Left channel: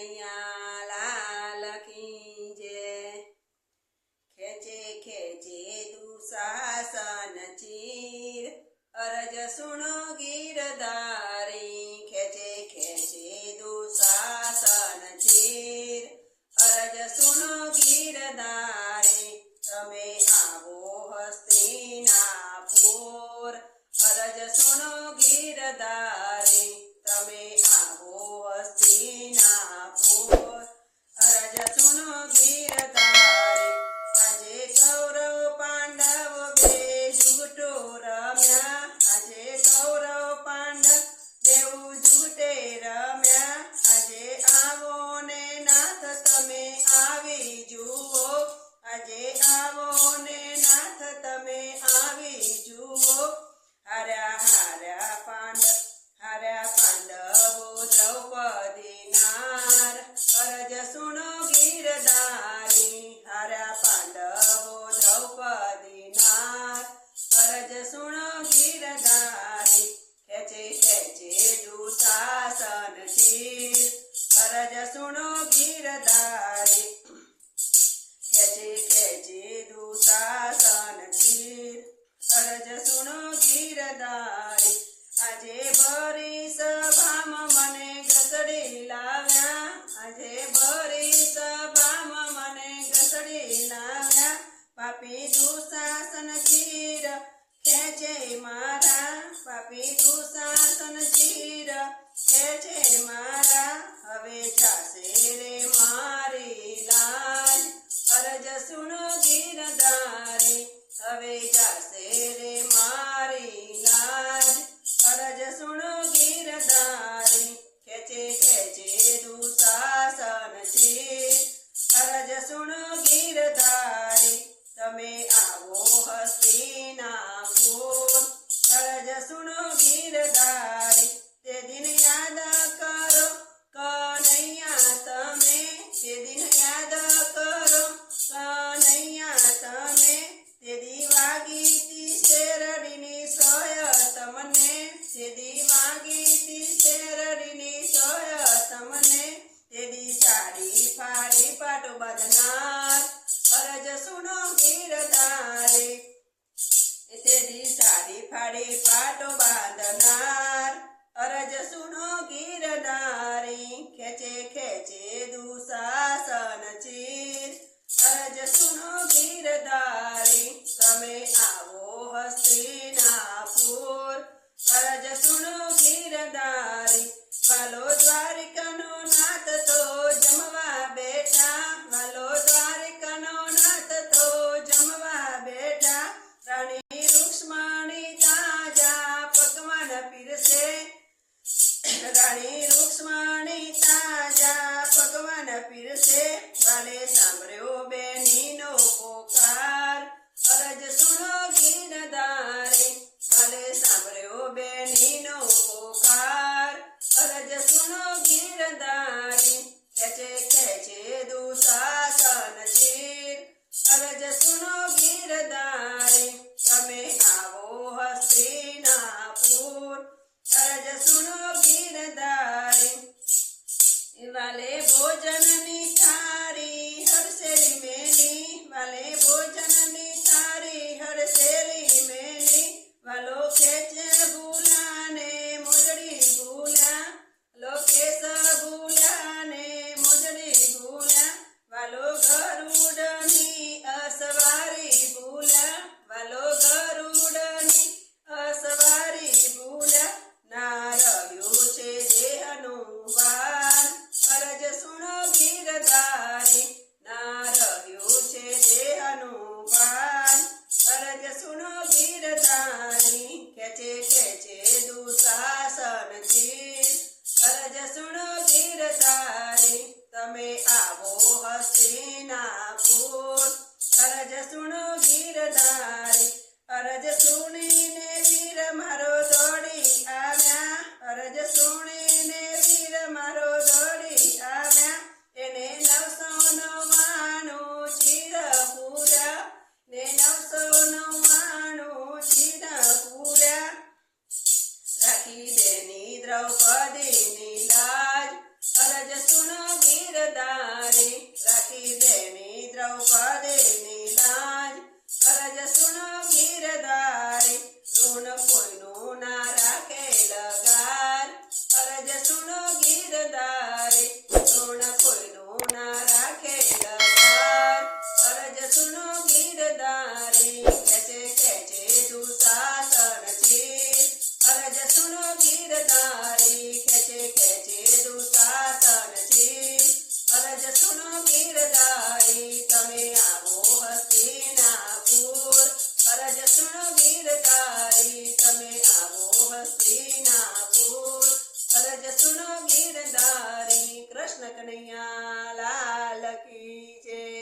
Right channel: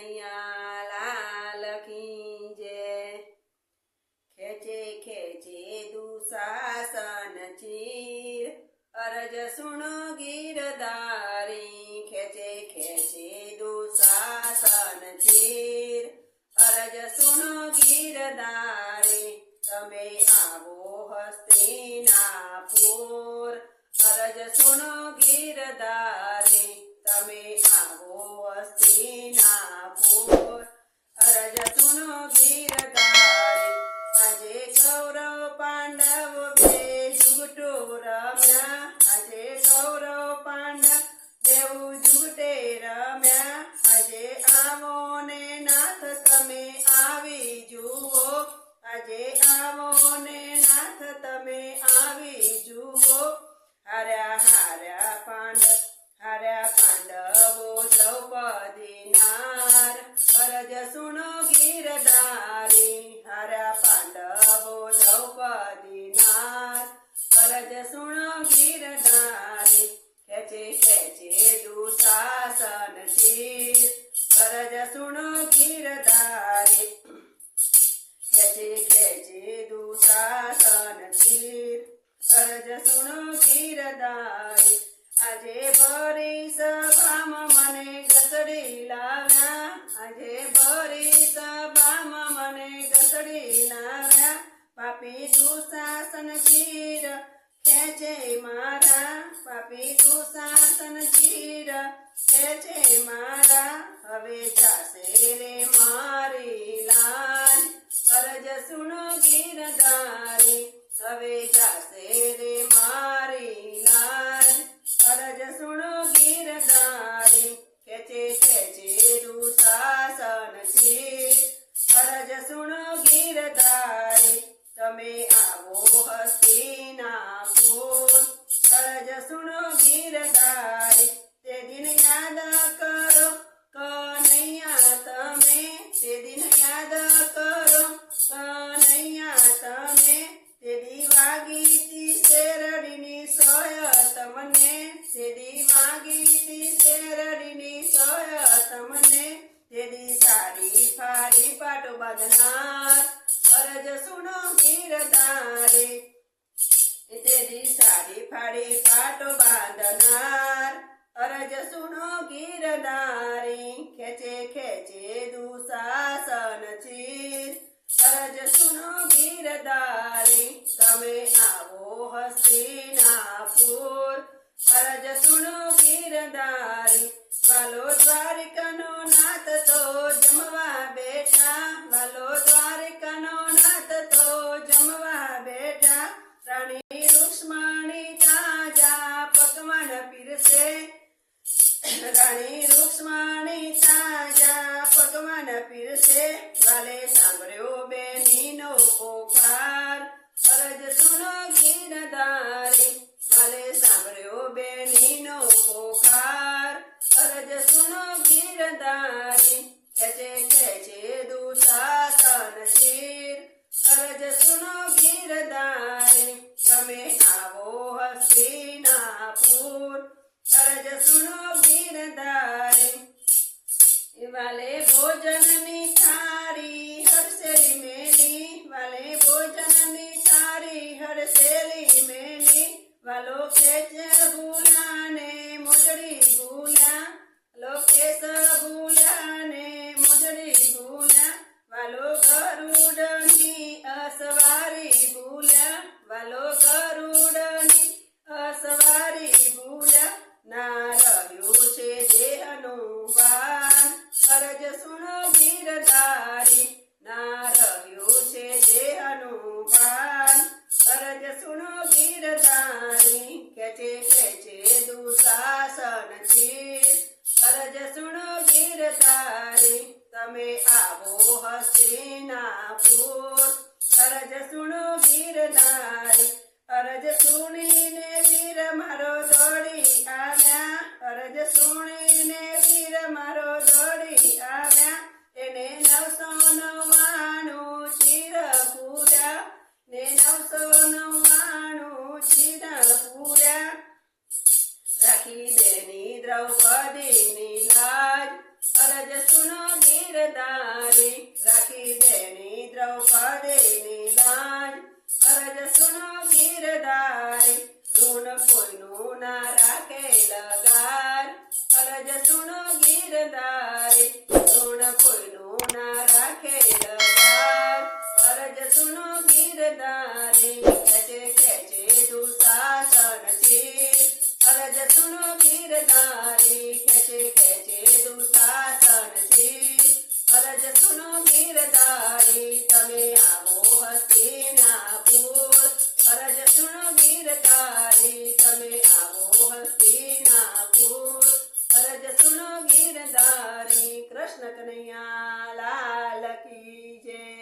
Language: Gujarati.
કનૈયા લાલ કી જય। ખેંચે ખેંચે દુશાસન ચીર, અરજ સુણો ગીરધારી। ખેંચે ખેંચે દુશાસન ચીર, અરજ સુણો ગીરધારી। તમે આવો હસ્તિનાપુર, અરજ સુણો ગીરધારી। તમે આવો હસ્તિનાપુર, અરજ સુણો ગીરધારી। આજે કૌરવ પાંડવ બે જુગટો રમ્યા, આજે કૌરવ પાંડવ બેઉ જુગટે રમ્યા। આજે આવો ને નાથ તમે આવી જુઓ, આજે આવો ને નાથ તમે આવી જુઓ। હાર્યા હાર્યા પાંડવો દ્રૌપદી નાર, અરજ સુણો ગીરધારી। હાર્યા પાંડવો દ્રૌપદી નાર, અરજ સુણો ગીરધારી। ખેંચે ખેંચે દુશાસન ચીર, અરજ સુણો ગીરધારી। ખેંચે ખેંચે દુશાસન ચીર, અરજ સુણો ગીરધારી। આજે ભરી સભામાં મને ઘસડી લાવ્યા, આજે ભરી સભામાં મને ઘસડી લાવ્યા। પાપી દુશાસન ચીર ખેંચે મારા, પાપી દુશાસન ચીર ખેંચે મારા। હવે જાશે રે મારી લાજ, અરજ સુણો ગીરધારી। હવે જાશે રે મારી લાજ, અરજ સુણો ગીરધારી। ખેંચે ખેંચે દુશાસન ચીર, અરજ સુણો ગીરધારી। તમે આવો હસ્તિનાપુર, અરજ સુણો ગીરધારી। તે દિન યાદ કરો કનૈયા તમે, તે દિન યાદ કરો કનૈયા તમે। તે દી વાગી તી શેરડીની સોય તમને, તે દી વાગી તી શેરડીની સોય તમને। તે દી સાડી ફાડી પાટો બાંધનાર, અરજ સુણો ગીરધારી। તે દી સાડી ફાડી પાટો બાંધનાર, અરજ સુણો ગીરધારી। ખેંચે ખેંચે દુશાસન ચીર, અરજ સુણો ગીરધારી। તમે આવો હસ્તિનાપુર, અરજ સુણો ગીરધારી। વાલો દ્વારિકાનો નાથ તો જમવા બેઠા, વાલો દ્વારિકાનો નાથ તો જમવા બેઠા। રાણી રૂક્ષ્મણી તાજા પકવાન પીરસે, રાણી રૂક્ષ્મણી તાજા પકવાન પીરસે। વાલે સાંભળ્યો બેનીનો પોકાર, અરજ સુણો ગીરધારી। વાલે સાંભળ્યો બેનીનો પોકાર, અરજ સુણો ગીરધારી। ખેંચે ખેંચે દુશાસન ચીર, અરજ સુણો ગીરધારી। તમે આવો હસ્તિનાપુર, અરજ સુણો ગીરધારી। વાલે ભોજનની થાળી હરસેલી મેલી, વાલે ભોજનની થાળી હરસેલી મેલી। વાલો ખેંચ ભૂલ્યા ને મોજડી ભૂલ્યા, વાલો ખેસ ભૂલ્યા ને મોજડી ભૂલ્યા। વાલો ગરુડની અસવારી ભૂલ્યા, વાલો ગરુડની અસવારી ભૂલ્યા। ના રહ્યું છે દેહનું ભાન, અરજ સુણો ગીરધારી। ના રહ્યું છે દેહનું ભાન, અરજ સુણો ગીરધારી। ખેંચે ખેંચે દુશાસન ચીર, અરજ સુણો ગીરધારી। તમે આવો હસ્તિનાપુર, અરજ સુણો ગીરધારી। અરજ સુણીને વીર મારો દોડી આવ્યા, અરજ સુણીને વીર મારો દોડી આવ્યા। એને 999 ચીર પૂર્યા, ને 999 ચીર પૂર્યા। રાખી બેની દ્રૌપદીની લાજ, અરજ સુનો ગીરધારી રાખી દેની દ્રૌપદીની લાજ અરજ સુનો ગીરધારી ઋણ કોઈનું ના રાખે લગાર અરજ સુનો ગીરધારી ઋણ કોઈનું ના રાખે લગાર અરજ સુનો ગીરધારી ખેચે દુશાસન ચીર અરજ સુનો ગીરધારી ખેચે દુશાસન ચીર અરજ સુનો ગીરધારી તમે આવો હસ્તિનાપુર અરજ સુનો ગીરધારી તમે આવો હસ્તિનાપુર અરજ સુનો ગીરધારી કૃષ્ણ કનૈયા લાલ કી જય